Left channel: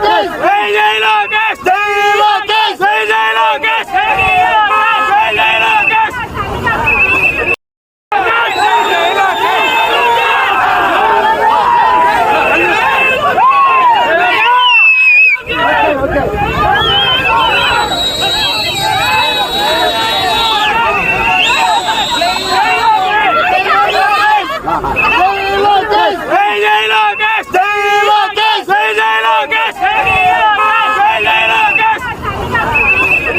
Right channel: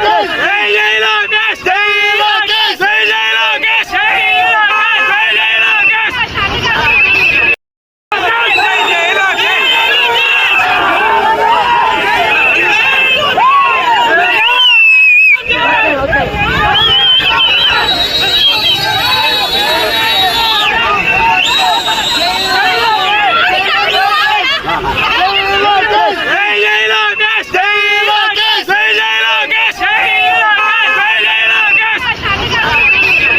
Hey, hey, look, hey!